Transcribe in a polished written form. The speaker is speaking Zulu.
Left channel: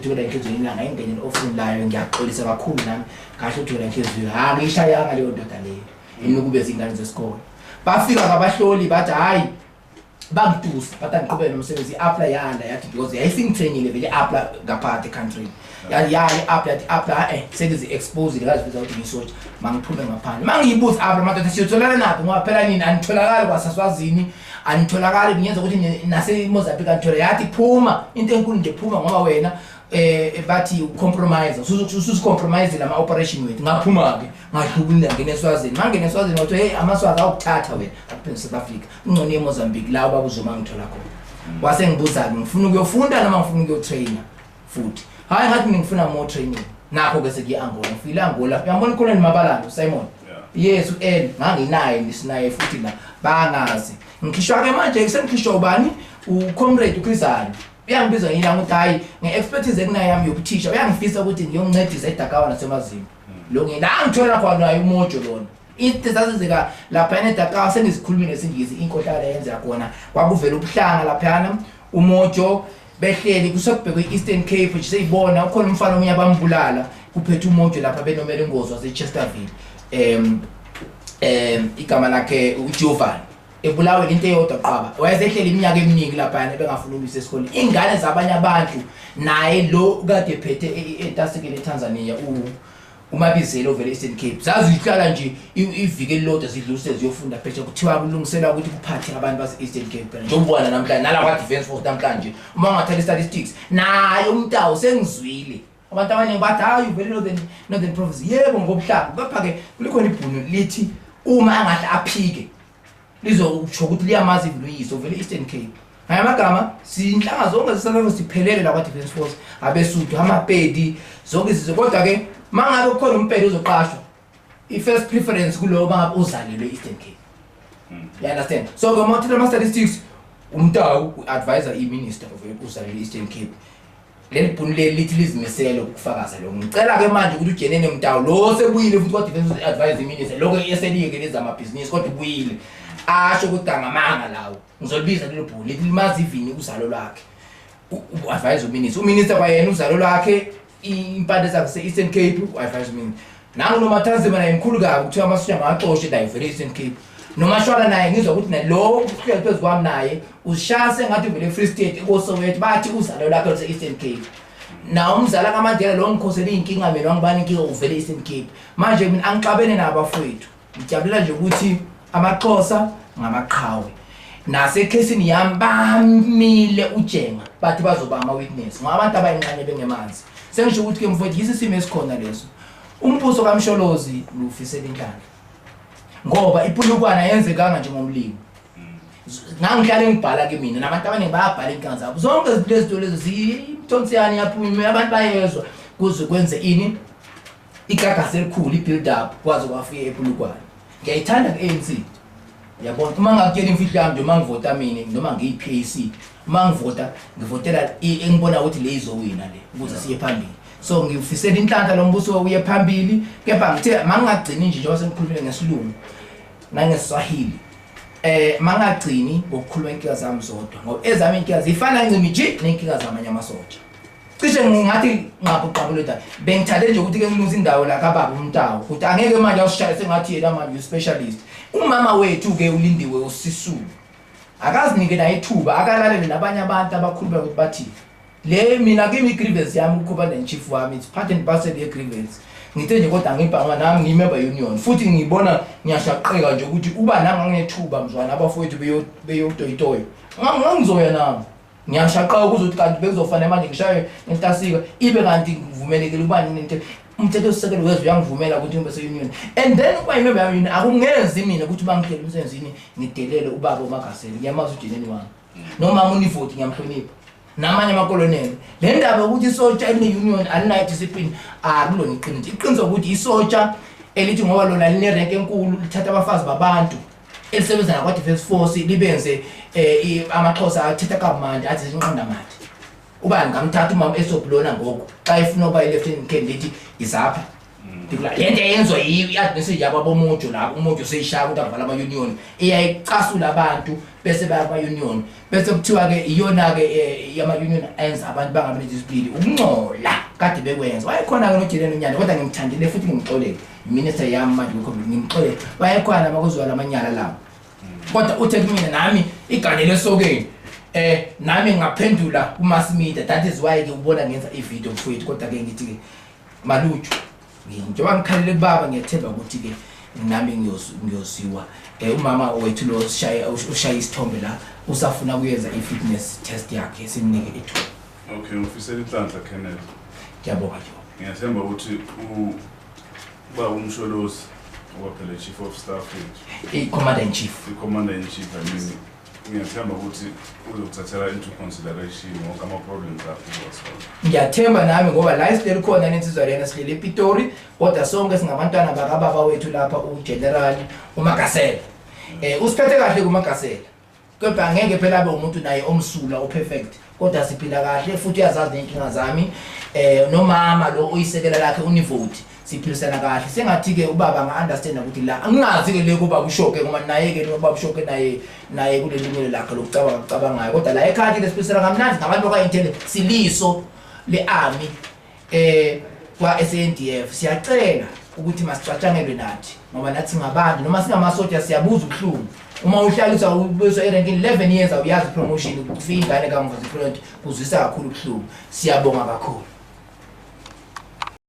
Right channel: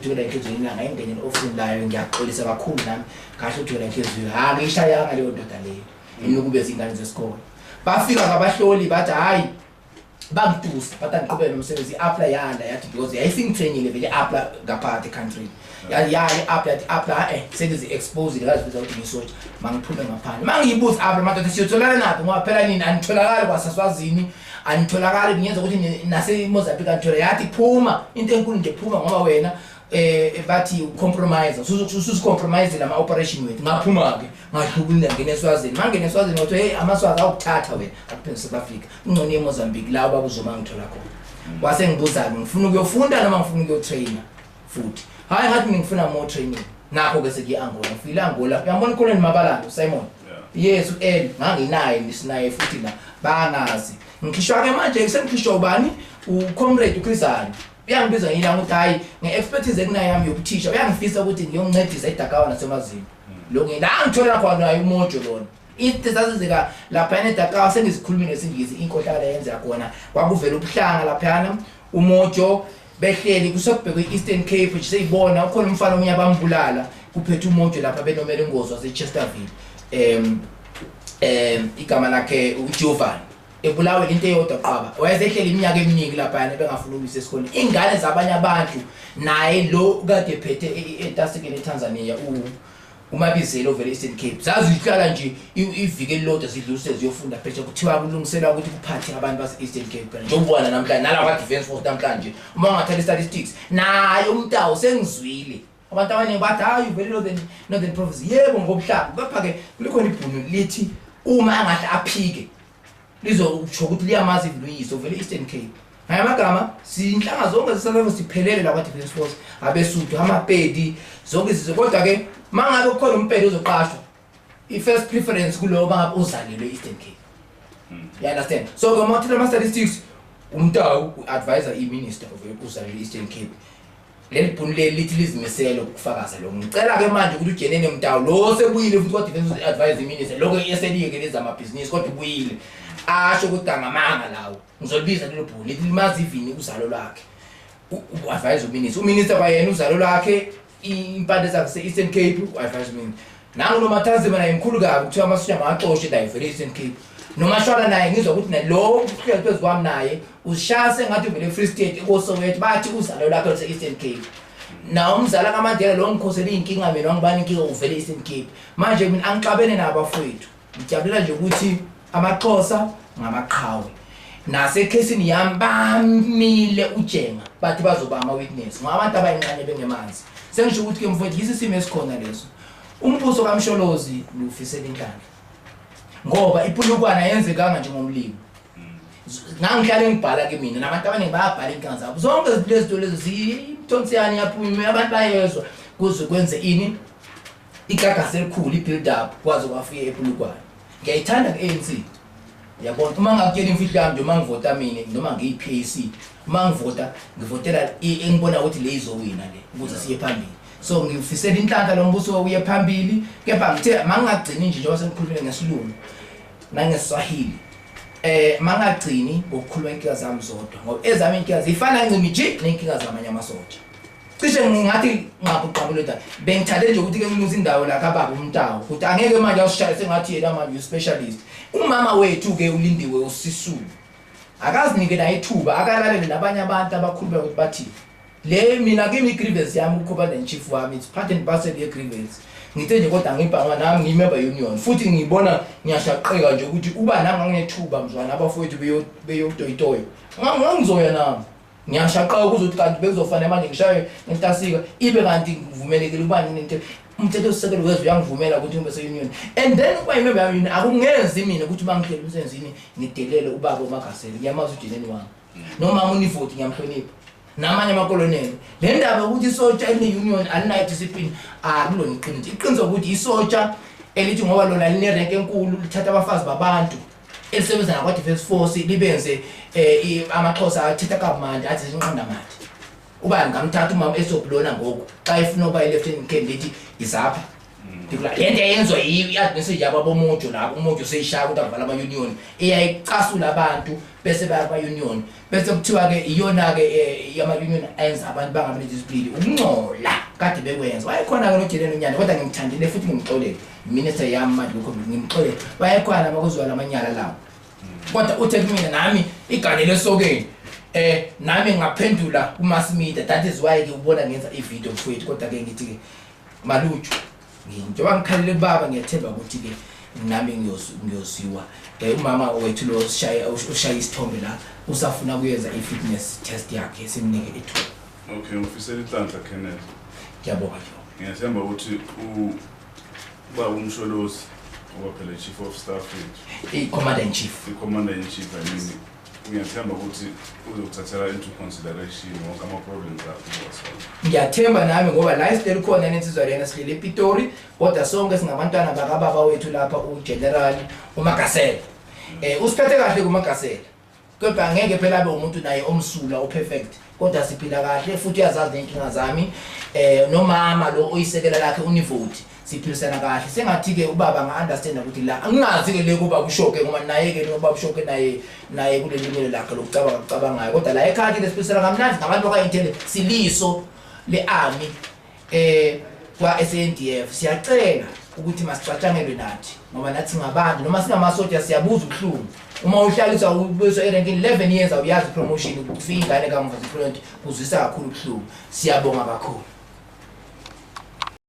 uthukela inhliziyo ilanga engene ofini layo ngiyaxolisa kakhulu nami kahle uthukela inhliziyo ngishayanga leyo ndoda leyo inokube izingane zesikole bafika ngabahloli bathi hayi bangitusa bathi angiqhubele nomsebenzi apply yanda yathi because yayifika training vele apply ngapha country yayi apply sekuzi exposed kazi biza ukuthi ngisotsha mangiphume ngaphandle mangiyibuza apply madoda siyotholana naphi ngoba phela nini anitholakala kwaSaswazini anitholakala ngiyenza ukuthi nase Mozambique anithola yathi phuma into enkulu nje phuma ngoba wena bathi compromise usucompromise lama operation wethu ngaphuma ke ngahlubula ngene eSwazini mangene eSwazini wathi hey amaswazi awukuthatha wena akuphinde South Africa ungcone eMozambique la babuzoma ngithola khona wase ngibuza ngifuna ukuyofunda noma ngifuna ukuyotrainer futhi hayi ngathi ngifuna more training nakho ke sekuyi Angola ngifile Angola uyambona Colonel Mabalana Simon yes uEl nganginaye nisinaye futhi la bangazi ngikhishwa ke manje sengikhishwa ubani uComrade uChrisani uyangibiza ngiyila ukuthi hayi ngeexpertise ekunayo yami yokuthisha uyangifisa ukuthi ngiyoncedisa eDakawa naseMazimba lo ngila ngithola khona uMojo lona into zazizeka lapha eDakawa sengizikhuluma ngesingisi inkohlakala yenza khona kwakuvela ubuhlanga lapha uMojo behleli kusokubhekwe eEastern Cape nje seyibona ukhona umfana omnye abambulala kuphethe uMojo lapha benomela ingozi waseChesterfield igama lakhe uJovan ebulawe into eyodwa qaba wayezehleli iminyaka eminingi lapha bengafuna ubisa esikoleni ingane zabanye abantu naye lo kade phethe eTasikeni eTanzania uMabizelo vele Eastern Cape zazihlala nje ivike lodwa zidluse ziyofunda phetshe kuthiwa kulungiselwa ukuthi kuphathe abantu base Eastern Cape njengoba namhlanje nala kwa Defence Force namhlanje uma ungathatha statistics naye umtawo sengizwile abantu abaningi bathi hayi vele Northern Province yebo ngobuhlanga kepha ke kulikhona ibhunu lithi uma angahle aphike lizokusho ukuthi liyamazi iVluyise vele Eastern Cape ngayamagama sinhlanga zonke zisalezo siphelele la kwa Defence Force abeSuthu amaPedi zonke izizwe kodwa ke mangabe kukhona umpedi ozoqashwa i-first preference kulowo bangabe uzalelwe Eastern Cape you understand so ke mawuthatha ama statistics umtawu uadvisor iMinister of uzalelwe Eastern Cape leli bhunu lithi lizimisele ukufakaza lo ngicela ke manje ukuthi ujenene umtawu lo sebuyile futhi kwa Defence advisor iMinister lokho eselike lezi amabhizinisi kodwa ubuyile asho ukuthi angamanga lawo ngizolibiza lelo bhulu lithi limazi ivini uzalo lwakhe uadvisor uMinister uMinister bayena uzalo lwakhe impande zakhe se-Eastern Cape uadvisor uMinister nangu noMathanzima naye mkhulu kabi kuthiwa amasosha makaxoshe naye vele Eastern Cape nomashwala naye ngizwa ukuthi nalo uhlelo phezu kwami naye ushase ngathi vele Free State koSoweto bathi uzalo lwakhe se-Eastern Cape na umzala kaMandela lo ngikhosela inkinga mina ngibani inkinga uvele Eastern Cape manje mina angixabene nabafowethu ngijabulela nje ukuthi amaXhosa ngamaqhawe nasekhesini yami bamile ujenga bathi bazoba ama witness ngoba abantu abayinqanye bengemanzi sengisho ukuthi ke mfowethu yisimo esikhona leso umbuso kaMsholozi lufisela inhlanhla ngoba iPulukwana yenzekanga njengomlimi ngangihlale ngibhala ke mina nabantu abaningi bayabhala inkinga zabo zonke izinto lezo zimthonsiyani yaphuma abantu bayezwa kuze kwenze ini igagasi elikhulu ibuild up kwaze kwafika ePulukwana ngiyayithanda ke-ANC yabona uma ngakutshela imfihlo yami nje uma ngivota mina noma ngiyi-PAC uma ngivota ngivotela engibona ukuthi le izowina le ukuze siye phambili so ngifisela inhlanhla lo mbuso uye phambili kepha ngithe mangagcini nje njengoba sengikhulumile ngesilungu nangeSwahili mangagcini ngokukhuluma inkinga zami zodwa ngoba ezami inkinga zifana ncimi nje nenkinga zamanye amasotsha cishe ngingathi ngabuqabuleta bengithale nje ukuthi ke nginuza indawo la kababa umtawo ukuthi angeke manje awushaye sengathi yena manje uspecialist umama wethu ke ulindiwe uSisulu akazinike naye ithuba akalalele nabanye abantu abakhuluma ukuthi bathi le mina kimi grievance yami ukuba nenchief wami it's part and parcel ye grievance ngithe nje kodwa ngibhanga nami ngimember union futhi ngibona ngiyashaqeka nje ukuthi uba nami nginethuba mzwana abafowethu beyotoyitoyo ngizoya nami ngiyashaqeka ukuthi kanti bekuzofanele manje ngishaye ngentasika ibe kanti ngivumelekile ubani nento umthetho osisekelo wezwe uyangivumela ukuthi ngibe se-union and then ukuba imember yami akungenzi mina ukuthi bangihlele umsebenzini ngidelele ubaba uMagaseli ngiyamazi ujeneni wami noma ngunivoti ngiyamhlonipha namanye amakoloneli le ndaba ukuthi isotsha eliune-union alinayo discipline akulona iqiniso iqiniso ukuthi isotsha elithi ngoba lona linerenke enkulu lithatha abafazi babantu elisebenza nakwa Defence Force libenze amaXhosa athetha kamandi athi zinqanda manje ubani ngamthatha umama esoblona ngoku xa efuna ukuba i-lieutenant candidate izapha ndikula lento eyenzwa i-administration yabo boMojo lapho uMojo seyishaya ukuthi avala ama-union eyayicasula abantu bese baya union bese kuthiwa ke iyona ke yama union enza abantu bangabe discipline ukungcola kade bekwenza wayekhona ke noJeleni unyana kodwa ngimthandile futhi ngimxolele minister yami manje lokho ngimxolele wayekhona makuzwa lamanyala lawo kodwa uthe kumina nami igane lesokeni nami ngaphendula kumass media that is why ke ubona ngenza ivideo mfowethu kodwa ke ngithi ke malutshu njengoba ngikhalele baba ngiyathemba ukuthi ke nami ngiyosiwa umama wethu lo ushaya isithombe la usafuna kuyenza i-fitness test yakhe simnike ithuba. Okay, ufisela inhlanhla Kenneth. Ngiyabonga nje. Ngiyathemba ukuthi uba umsholozi ophela chief of staff commander in chief. Commander in chief I mean ngiyathemba ukuthi uzothathela into consideration wonke ama problems akho. Ngiyathemba nami ngoba la isicela khona nensizwa lena sihlele ePitori kodwa sonke singabantwana bakababa wethu lapha uGeneral uMagasela. Usiphethe kahle kuMagasela. Kodwa angeke phela abe umuntu naye omsula operfect kodwa siphila kahle futhi uyazazi inkinga zami nomama lo oyisekela lakhe univote siphilisana kahle sengathi ke ubaba nga-understand ukuthi la angingazi ke le kuba ushoke ngoba naye ke ubaba ushoke naye kule lungelo lakhe lokucabangayo kodwa la ekhaya lesiphilisana kamnandi ngabantu bakayinthele siliso le-army kwa SANDF siyacela ukuthi masicatshangelwe nathi ngoba nathi ngabantu noma singamasoja siyabuza ubuhlungu uma uhlaliswa ubuyiswa eranking 11 years awuyazi promotion ukufika ingane kamuva ziprint kuzwisa kakhulu ubuhlungu siyabonga kakhulu.